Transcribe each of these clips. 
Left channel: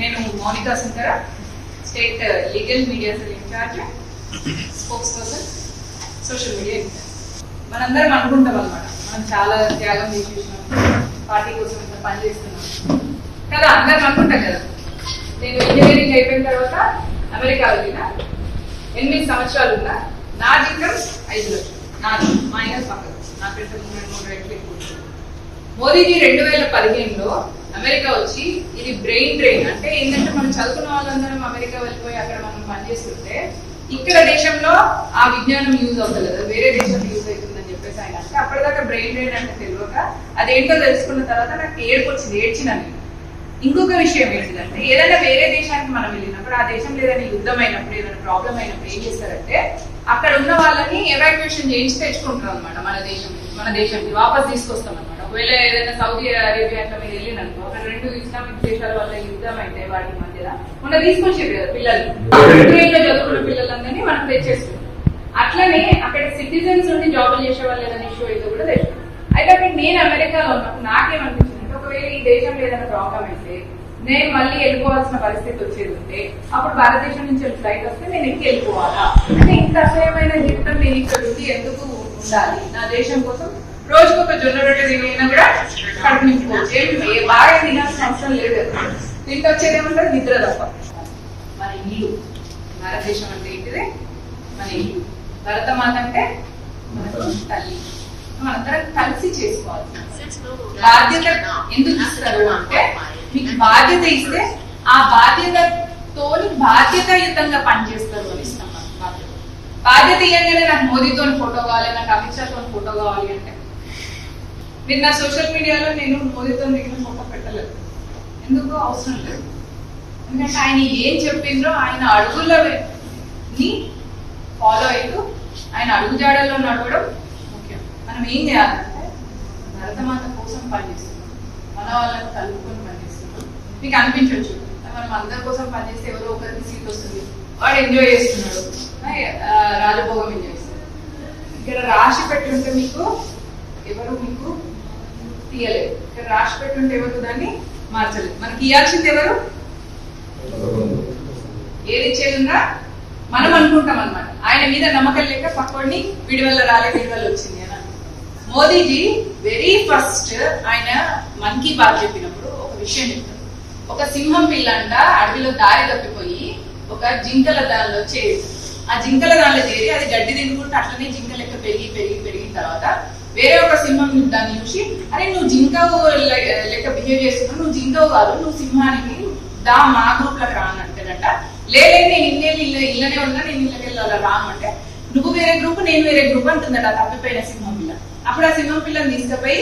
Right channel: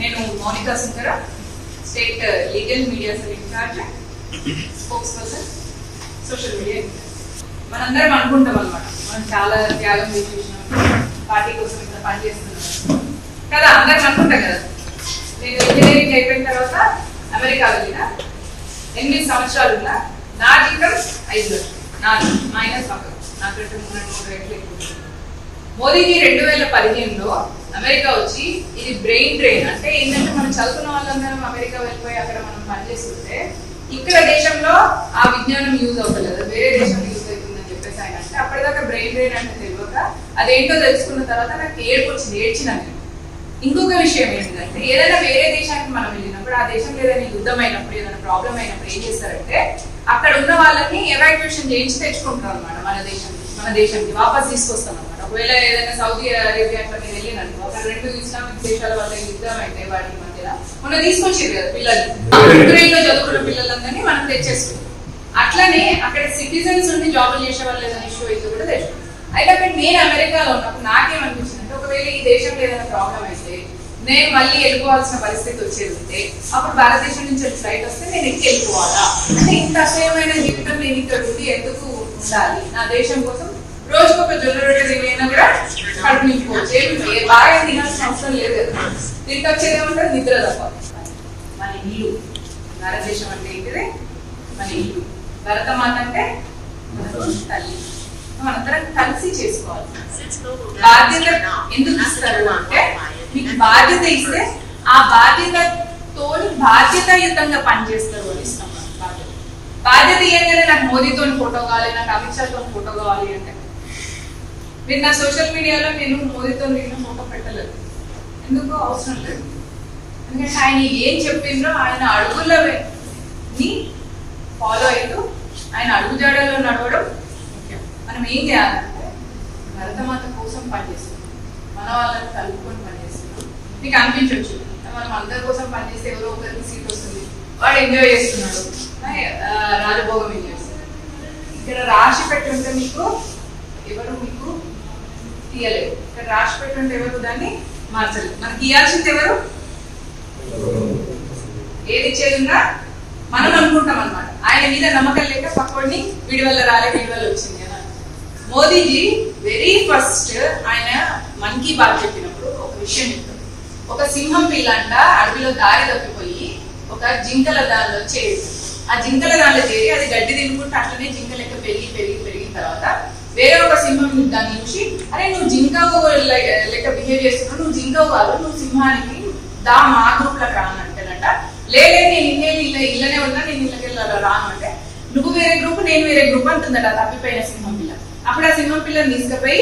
నేను Mounika Sundara, state legal media cell in charge, spokesperson, social media. మనందరం అనుకుంటాం అనమాట, మనం చాలా త్యాగం చేసి చూసినాం, పార్టీ కోసం ఇంత పని చేస్తున్నాం కదా, అందరం అనుకుంటాం కదా. నేను ఇంజనీరింగ్ అయిపోయిన తర్వాత అమెరికా వెళ్ళిన, 8 సంవత్సరాలు ఉన్నా, నా జీతం 5 లక్షలు, నాది మైనస్ పక్కకు, నాకంటే 3 రెట్లు ఎక్కువ. మోదీజీ 2015లో అమెరికా వచ్చి ఇది బ్రెయిన్ డ్రైన్ అంటే ఏంటంటే మనం చదువుకున్న వాళ్ళందరం అమెరికా వెళ్ళిపోయి అక్కడ మనం పనిచేస్తుంటే ఇక్కడ దేశంలో ఆ విజ్ఞానం యూజ్ అవుతలేదు, వేరే దేశంలో యూజ్ అవుతుందని చెప్పేసి ఆయన అంటే అప్పటిదాకా బ్రెయిన్ డ్రైన్ అంటే తెలియక అదేంటో తెలుసుకున్న తర్వాత నాకు ఏడుపు వచ్చింది, ఏడ్చినది. ఇంకొక విషయం ఏంటంటే ఏదైనా వేరే దేశానికి మనం వెళ్ళినప్పుడు ఆ దేశంలో ఏదైనా యుద్ధం అయినప్పుడు ఏదైనా ప్రాబ్లం అయినప్పుడు ఏం చేస్తారంటే అక్కడ ఉన్న వాళ్ళని ఎవాక్యుయేషన్ చేయించి తెచ్చుకుంటారు అనమాట. మన దేశానికి వాపస్ తీసుకొస్తాం అనమాట. ఒకవేళ ఏదైనా సౌదీ అరేబియా అట్లా మీరు వెళ్ళినట్టు అక్కడ 2 ఇస్లామిక్ దేశాల వల్ల యుద్ధం అయితే వాటి మధ్యలో మొన్న తీసుకొచ్చారు కదా పిల్లలు, యుక్రెయిన్లో చదువుకున్న పిల్లలందరినీ మనం తెచ్చేసుకుంటాం. అట్లనే అక్కడ సిటిజన్స్ నుండి జాబులు చేసే వాళ్ళు ఏదైనా ఇష్యూ అయితే కూడా తెచ్చుకుంటాం. అయితే అక్కడ నేను అమెరికాలో ఉన్నప్పుడు నాకేమనిపించింది అంటే ఒకవేళ ఈ దేశంలో ఏదైనా ప్రాబ్లం అయితే నేను మళ్ళీ వెళ్ళిపోవాల్సిన పరిస్థితి వచ్చేది ఉంటే అప్పుడు భారతదేశం నుంచి ఫ్లైట్ వస్తే నేను ఎక్కి వెళ్ళిపోవాలా అంటే ఇంత అసహ్యమైన జీవితం నేను ఇక్కడ ఉండి ఎందుకు ఉండాలి, నా దేశం కోసం రోజుకొక జొన్న రొట్టె తినైనా కూడా కడుపు నింపుకోవచ్చు, ఏమి బాగా తినాల్సిన అవసరం లేదు. తింటే వచ్చేది ఏమంటారు నిద్ర తప్ప. మన ఇల్లు, భారతదేశం అంటే ఏంటిది మన ఇల్లు, భరతమాత అంటే మనకు తల్లి, మనందరం కలిసి చేసుకోవాలి. బాధ్యత ఎందుకు ఇస్తారు అంటే మీకు బాధ్యత ఇస్తే ఆ బాధ్యతతో బాధ్యతాయుతంగా పనిచేస్తారు అని ఇస్తాం. బాధ్యత ఇవ్వగానే నాకు మోదీతో ఫోటో కావాలి, నాకు అమిత్ షాతో ఫోటో కావాలి అంటే మీరు నా సోషల్ మీడియాలో నేను మోదీతో నేను ఫోటో పెట్టలేదు, ఎందుకు అవసరం లేదు. ఎందుకంటే ఆయన ఏం చెప్పిండ్రో ఆయన అడుగులని ఫాలో అవుతూ ఆయన అడుగుజాడల్లో నడవడం ముఖ్యం. మనం ఏం చేయాలంటే భరతమాత కోసం పనిచేస్తున్నాం, మన వాళ్ళని కలుపుకొని పనిచేస్తున్నాం. మీకు అనిపించవచ్చు మనం అందరి కోసం పనిచేస్తే ఎవరో ఒకరికి సీట్ వస్తుంది, వాడు ఎంజాయ్ చేస్తున్నాడు, రాజభోగం ఎంజాయ్ చేస్తున్నాడు. ఇక్కడ రాసి పెట్టుంటే మీకు ఎవరు మీకు తీయలేదు, ఇక్కడ రాసి పెట్టుంటే ఎవరు దాన్ని మార్చలేదు. మనకి ఇవ్వాల్సింది ఎవరు, ఏది ఇచ్చేదిన్నా మనం అనుకుంటాం అనమాట. ఆయన మీద నమ్మకం లేక పక్కోడిని వీడి వల్ల రాలే వీడి వల్ల వచ్చింది అని. మోదీజీ వెరీ ఫస్ట్ ఆయన మన్ కీ బాత్ చెప్పినప్పుడు ఒక విషయం చెప్తారు. ఒక సింహం పిల్ల అంట అడవిలో దారి తప్పిపోయి ఒక జింకల దానిలో చేరి, ఆ జింకల దానిలో చేరి అది గడ్డి తినుకుంటూ అట్లనే జింక లెక్క పెరిగిన తర్వాత వేరే ఒక సింహం దాన్ని చూసి అరే నువ్వు జింక లెక్క బిహేవ్ చేస్తున్నావు, నువ్వు జింకవు కాదు, నువ్వు సింహానికి మా గ్రూప్ లకు రాను అంటేనంట. లేదు నేను ఇళ్ళనే ఉన్నా, నేను ఇళ్ళకి రాను అంటే నువ్వు వేరే గ్రూప్ నేను వేరే గ్రూప్ అంటుందట తప్పిపోయిన సింహం పిల్ల. అప్పుడు ఆ సింహం పిల్లని తీసుకుపోయి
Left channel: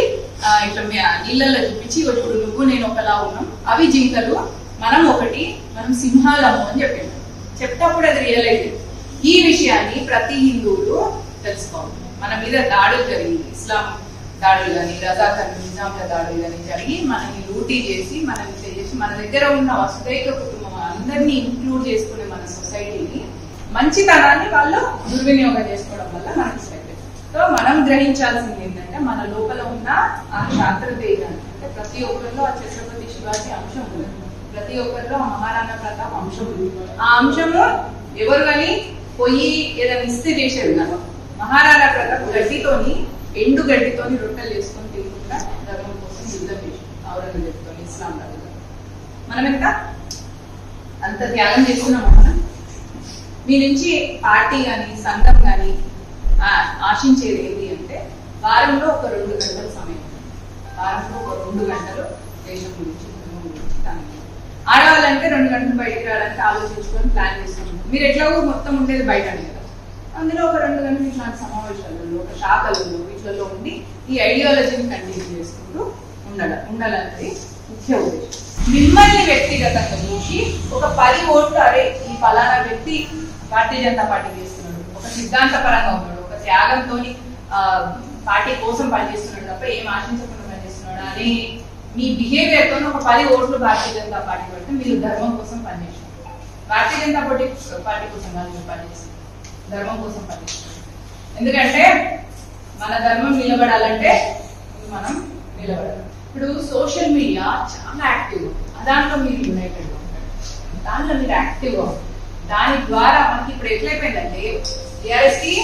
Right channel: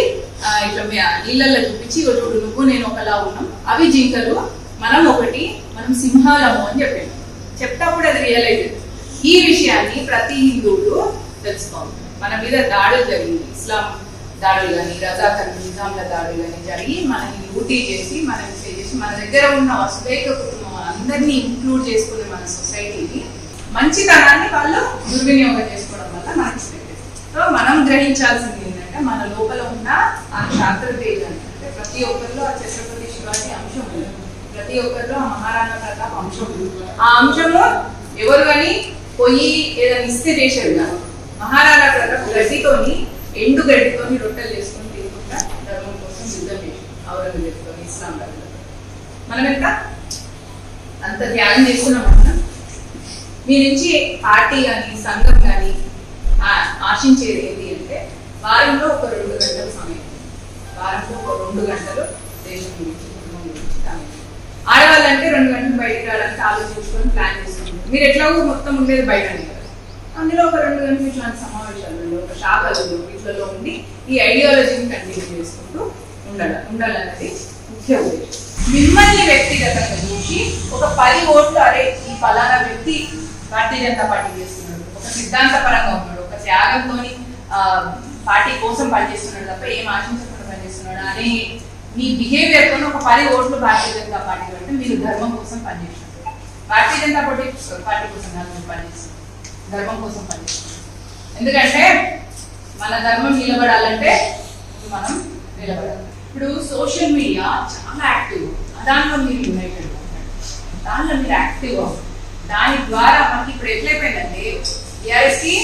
ఇట్లా నీళ్ళల్లో చూపించి చూడు నువ్వు నేను ఒకలా ఉన్నాం, అవి జింకలు మనం ఒకటి, మనం సింహాలము అని చెప్పాను. చెప్తప్పుడు అది రియలైజ్. ఈ విషయాన్ని ప్రతి హిందువులు తెలుసుకోవాలి. మన మీద దాడులు జరిగింది, ఇస్లాం దాడులు కానీ రజాకర్ నిజాంల దాడులు కానీ జరిగి మనని లూటీ చేసి మనని చేసి మన దగ్గర ఉన్న వసుదైక కుటుంబం అందరినీ ఇంక్లూడ్ చేసుకునే మన సొసైటీని మంచితనాన్ని వాళ్ళు దుర్వినియోగం చేసుకోవడం వల్ల మనకి సో మనం గ్రహించాల్సింది ఏంటంటే మన లోపల ఉన్న ఆ శాస్త్రతేజాన్ని అంటే ప్రతి ఒక్కరిలో ఆ ఛత్రపతి శివాజీ అంశం ఉంది, ప్రతి ఒక్కరిలో ఆ మహారాణా ప్రతాప్ అంశం ఉంది. ఆ అంశంలో ఎవరు కానీ పోయి ఏదైనా ఇస్తే చేసేది కదా. మహారాణా ప్రతాప్ గడ్డితోని ఎండు గడ్డితోని రొట్టెలు చేసుకొని తీసుకుంటా ధర్మం కోసం యుద్ధం చేసి ఔరంగజేబుతో ఇస్లాం ధర్మం. మనం ఎంత అంత ధ్యానం చేస్తున్నాం. మనం మీ నుంచి పార్టీ కానీ సంఘం కానీ ఆశించేది ఏంటి అంటే వారంలో ఒక 2 గంటల సమయం, వారంలో ఒక 2 గంటలు దేశం గురించి కుటుంబం గురించి కానీ ఆడవాళ్ళంటే 2 గంటలు బయటకు రావడానికి ఆలోచించుకొని ప్లాన్ చేసుకుంటాం. మీరు ఎట్లాగో మొత్తం ఉండేది బయటనే కదా, అందులో ఒక 2 గంటలు ఇట్లాంటి సమావేశాలలో ఒక శాఖలలో వీటిలో ఉండి ఈ ఐడియాలజీని కంటిన్యూ చేసుకుంటూ ఉండాలన్నది ముఖ్య ఉద్దేశం. మిమ్మల్ని వ్యక్తిగతంగా చూసి ఒక 10 ఓట్లు అరే ఈ ఫలానా వ్యక్తి భారతీయ జనతా పార్టీ చేస్తున్నాడు, ఒక సిద్ధాంత పరంగా ఉన్నాడు, ఒక త్యాగంతో పార్టీ కోసం పనిచేస్తున్నాడు తప్ప ఏం ఆశించకుండా పనిచేస్తున్నాడు అని మీ బిహేవియర్ తో ఒక 10 ఓట్లు భారతీయ జనతా పార్టీ అంటే మీరు ధర్మం కోసం పనిచేస్తున్నారు. భారతీయ జనతా పార్టీ కోసం కాదు మీరు పనిచేస్తున్నారు, ధర్మం కోసం పనిచేస్తున్నారు. ఎందుకంటే మన ధర్మం నిలబడాలంటే మనం నిలబడాలి. ఇప్పుడు సోషల్ మీడియా చాలా యాక్టివ్, దాంట్లో మీరు యునైటెడ్ ఉంటారు. దాంట్లో మీరు యాక్టివ్ దాని ద్వారా మనకి ఇప్పుడు ఎట్లయిపోయిందంటే టీఆర్ఎస్ కి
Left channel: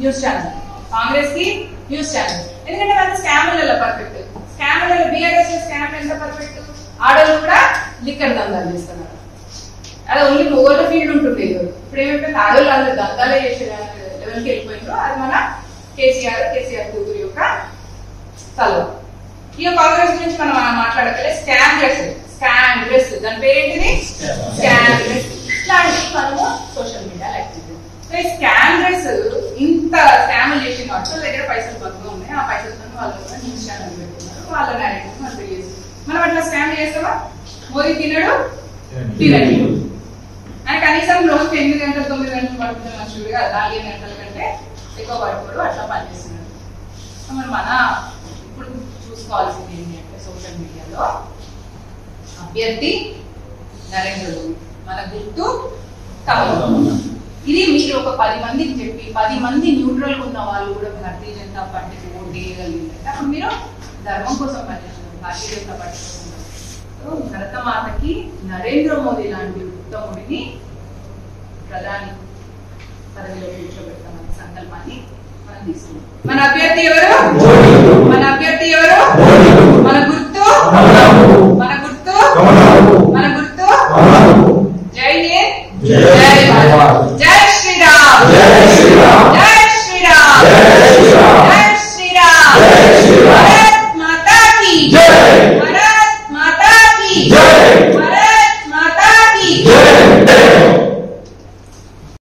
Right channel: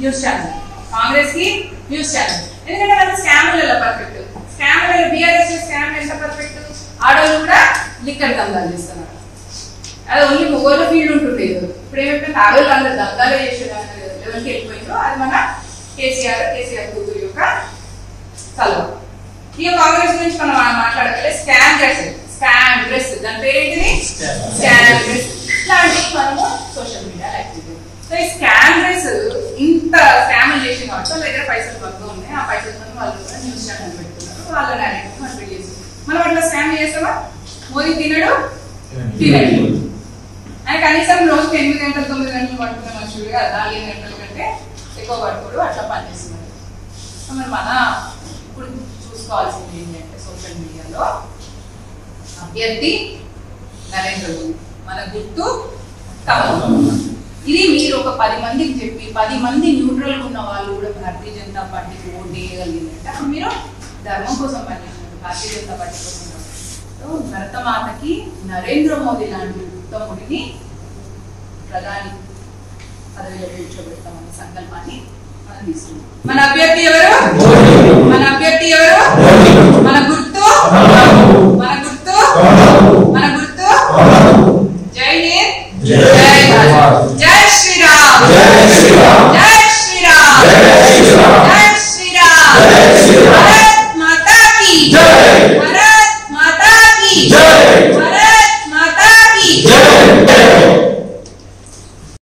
న్యూస్ ఛానల్, కాంగ్రెస్ కి న్యూస్ ఛానల్. ఎందుకంటే వాళ్ళు స్కామ్లలో పర్ఫెక్ట్. స్కామ్లలో బీఆర్ఎస్ స్కామ్ ఎంత పర్ఫెక్ట్, ఆడోళ్ళు కూడా లిక్కర్ దందాలు చేస్తున్నారు. అది ఓన్లీ మొగోళ్ళ ఫీల్డ్ ఉంటుంది. ఇప్పుడు ఏమైపోయింది, ఆడోళ్ళు అందరూ దందాలు చేసే లెవెల్కి వెళ్ళిపోయిందో అది మన కేసీఆర్ కూతురు యొక్క తలవ. ఇక కాంగ్రెస్ గురించి మనం మాట్లాడగలే స్కామ్ డ్రెస్ దాని పేరేంటిది స్కామ్ డ్రెస్. ఇట్లాంటివి మనము సోషల్ మీడియా యాక్టివ్. సో ఈ స్కామ్ డ్రెస్ ఇంత స్కామ్ చేసిన కాబట్టి వాళ్ళ దగ్గర పైసలు బంధు ఉన్నాయి. ఆ పైసలతో వాళ్ళు న్యూస్ ఛానల్ పెట్టుకున్నారు, వాళ్ళ నేరేటివ్ మనం చేస్తాం. మనం అట్లా స్కామ్ చేస్తామా? మోదీ తినడు అని కనీసం రోజు 8 గంటలు 9 గంటలు పడుకునే మనుషులు కదా, 4 గంటల కంటే ఎక్కువ పడుకోడు, అట్లా పనిచేస్తున్నాడు. మరి మన ఇప్పుడు చూసుకోవాల్సింది ఏంటి అంటే సోషల్ మీడియాలో అభ్యర్థి నరేంద్ర మోదీ, మన గుర్తు కమలం. ఇది మీరు ఒక 10 మందికి చెప్పి 10 మంది న్యూట్రల్ ఉన్న వాళ్ళు కూడా భారతీయ జనతా పార్టీకి ఓటు వేయగలిగినట్టు అప్పుడు మీరు ధర్మం కోసం పనిచేస్తున్నారు, భారతీయ జనతా పార్టీ కోసం. భరతమాతకి నరేంద్ర మోదీ లాంటి ఉత్తముడిని ప్రధాని పదవిలో కూర్చోబెడతామనే సంకల్పాన్ని మనం తీసుకున్నాం. మన అభ్యర్థి ఎవరు?